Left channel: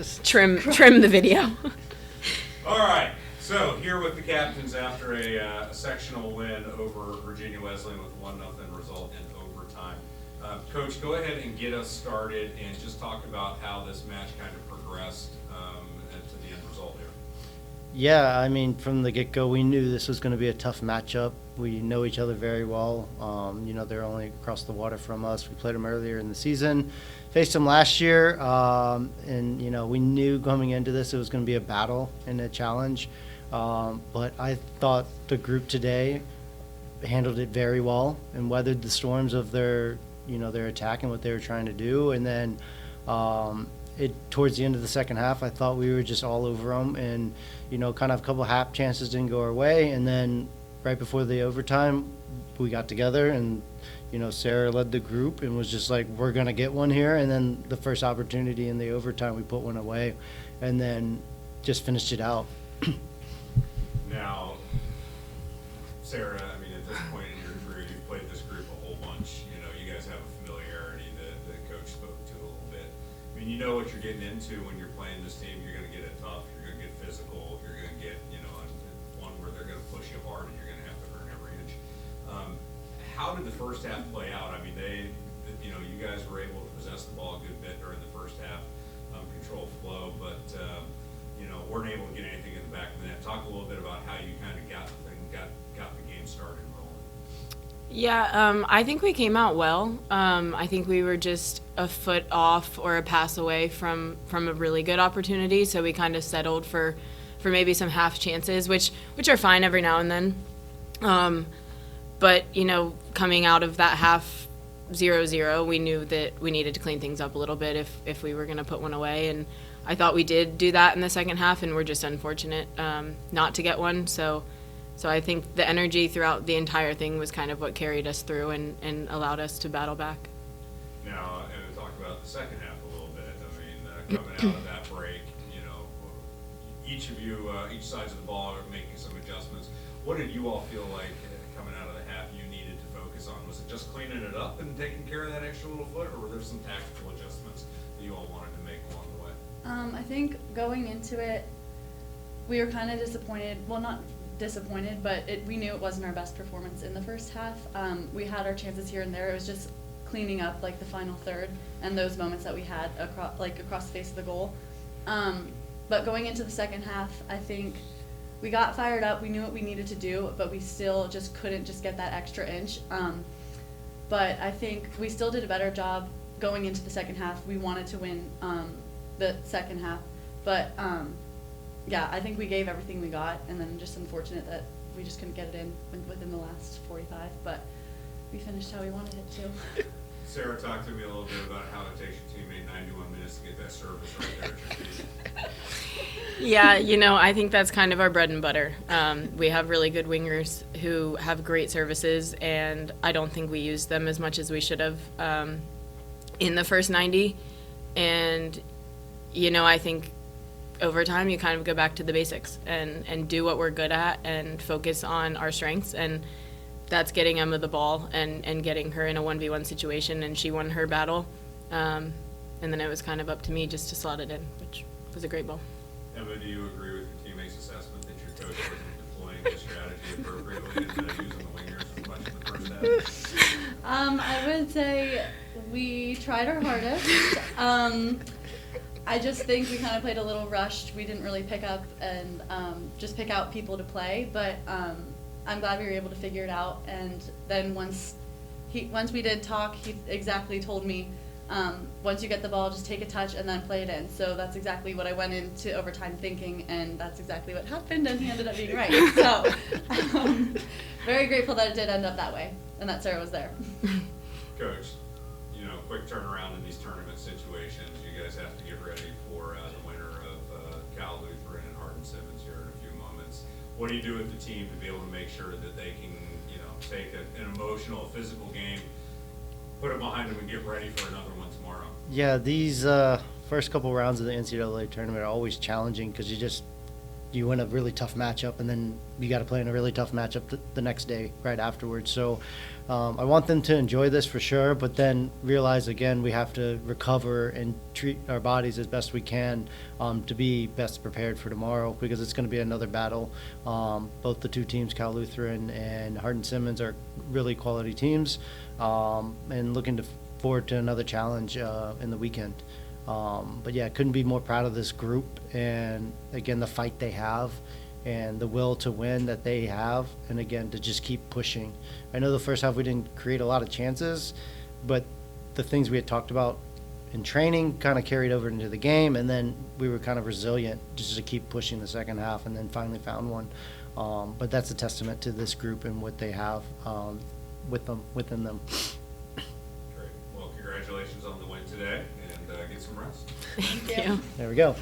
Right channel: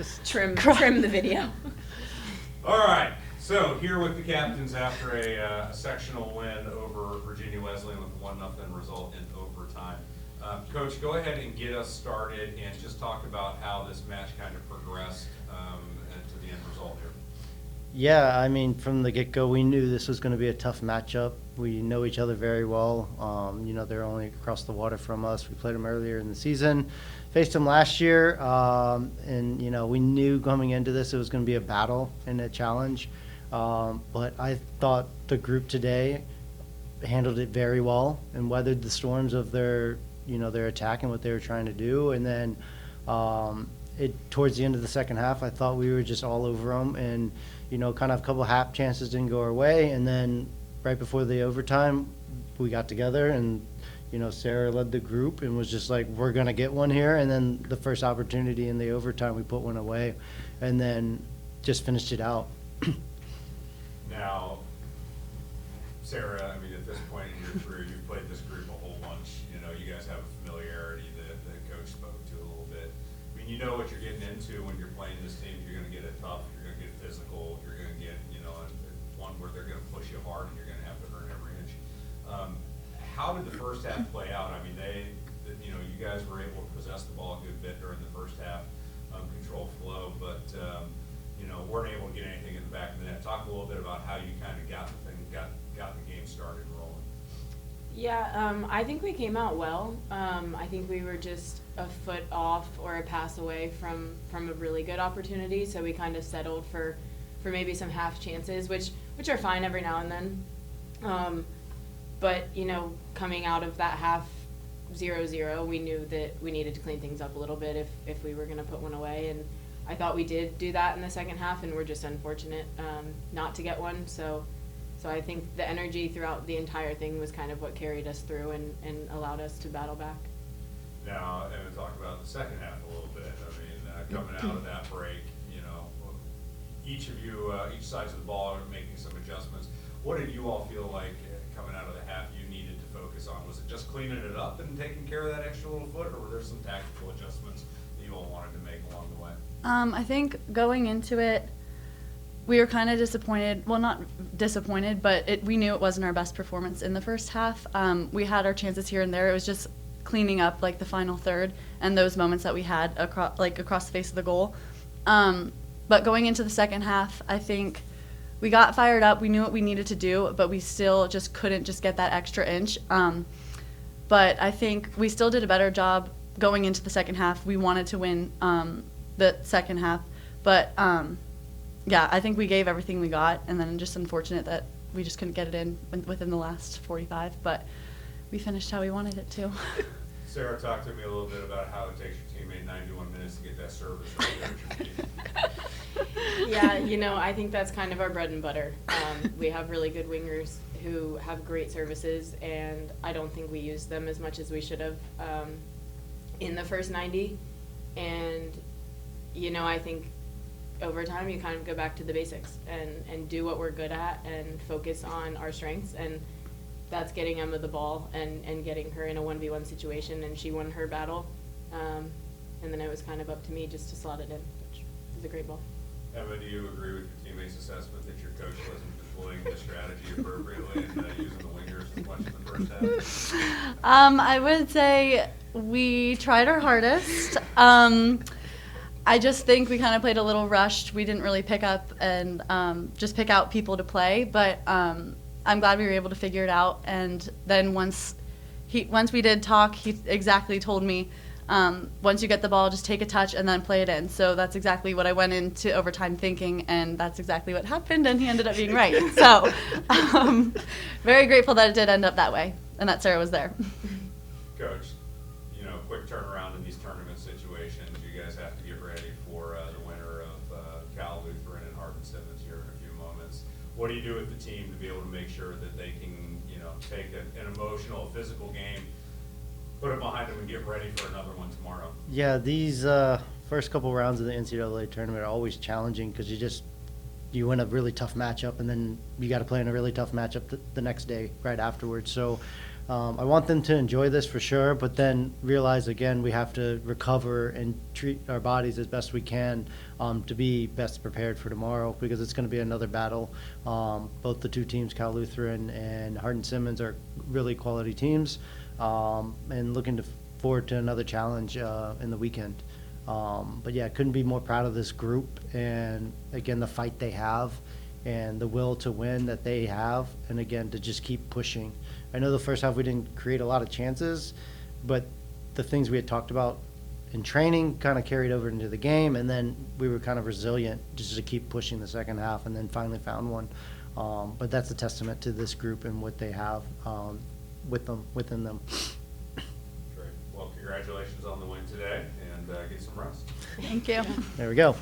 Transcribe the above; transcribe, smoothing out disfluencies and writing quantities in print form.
Just trim the video. All right. So here with the captains after a sectional win over Virginia Wesleyan with 1-0 result in overtime. Coach, go ahead and get us started and just talk about how this match kind of progressed to the end result here. Yeah, I mean, from the get-go, we knew this was going to be a tough matchup. We know each other very well. They're only across the water from us. We played them earlier in the season, faced them last year, and we knew coming into this it was going to be a battle and a challenge. But I thought the group today handled it very well and weathered the storms of their attack and what they were trying to do. And then towards the end of the second half, I thought we were just all over them, and kind of a couple half chances didn't go our way. And then right before the overtime, we got together, and Sarah led the group and was just like, we're gonna get one here. And then the first opportunity in the overtime, we put one away, and then just finished it out. Now, Sarah, I mean, at this point in your career, you've played this group a whole bunch. You guys have a familiarity that Coach spoke to a little bit. I mean, you know what you're getting into when you're playing this team. You're going to get it tough. You're going to get physical. You're going to get, one where they're going to push you hard and you're going to have to earn every inch. How did the first half play out? I mean, you guys were able to possess the ball a good bit during the first half, control flow, but weren't able to get anything in the back of the net. Talk a little bit about how you kind of got the game started and rolling. Yeah, I think we came out well. I think we were just a foot off or a pass away from a really good opportunity, so we kind of settled for maybe some half chances, which are fine every now and then. But coming out of that half 0-0, we knew that we needed to clean things up a little bit if we were going to put one away, and I thought we did do that in the second half, and we're just unfortunate not to get one. So I think the energy throughout the entire thing was kind of what carried us through and allowed us to battle back. Now, and to talk about the second half a little bit, I mean, coming out of that break, each of you, each sides of the ball are making some adjustments. What did you all feel like coming out of the half you needed to focus on? Was it just cleaning it up and taking care of that extra little foot, or were there some tactical adjustments that you all wanted to make along the way? I think going into it, we were kind of disappointed. Well, not disappointed, but we knew it wasn't our best performance in the first half. We had our chances here and there. It was just cleaning up like the final third and those moments that we had across the face of the goal. But going into the second half, I think we got fired up. We knew what we needed to do, but we still just couldn't just get that extra inch. But I think we still did a better job going into the second half. We wanted to win the second half, but yeah, I think we gave everything we got, and then just unfortunate that we just couldn't get it in within the last 45, but we finished how we wanted it to. Sarah, talk to me a little bit about how it takes your teammate 91 minutes to get that service right there at your feet. Yeah, I think that's kind of our bread and butter. We have really good wingers who have great services, and I don't think we used them as much as we should have in the first 90. And, I think over time you kind of go back to the basics and do what we're good at and focus on our strengths, and that's getting Emma the ball and getting her in a 1v1 situation, and she won her battle. And then it was kind of up to me just to slot it in, which was a great ball. Emma, do you agree with your teammates' assessment that your coach wasn't deploying the strategy appropriately and using the wingers as much in the first half? I would say we tried our hardest. I just think we kind of played a little rushed. We didn't really pick up and just pick out people to play, but I'm glad we were able to figure it out. And then once we did talk, he exactly told me, once you get the ball, just take a touch and then play it in. So that's exactly what I went into overtime thinking, and that's exactly what happened, and he ended up being right. So very grateful that it did end up that way and that Sarah was there. Coach, quick turnaround in these tournament situations. You guys have to get ready for the winner of Cal Lutheran and Hardin-Simmons here in a few moments. What do you do with the team to be able to make sure that they can, take an emotional, physical game, put it behind them, and get ready for another one tomorrow? Yeah, these first couple rounds of the NCAA tournament are always challenging because you win a really tough matchup, and then you got to play in a really tough matchup the next day right afterwards. So I want them to enjoy this for sure, but then realize again we have to recover and treat our bodies as best we can to be best prepared for tomorrow, because it's going to be another battle. Both the two teams, Cal Lutheran and Hardin Simmons, are really quality teams, and looking forward to another challenge in the weekend. But yeah, couldn't be more proud of this group, and again, the fight they have and the will to win that they have, and again, to just keep pushing. I know the first half we didn't create a lot of chances, but the things we had talked about in training kind of carried over into the game, and then we were kind of resilient just to keep pushing the second half, and then finally found one. But that's a testament to this group and what they have within them. Great. Well, congratulations on the win today, and get some rest. Thank you. There we go.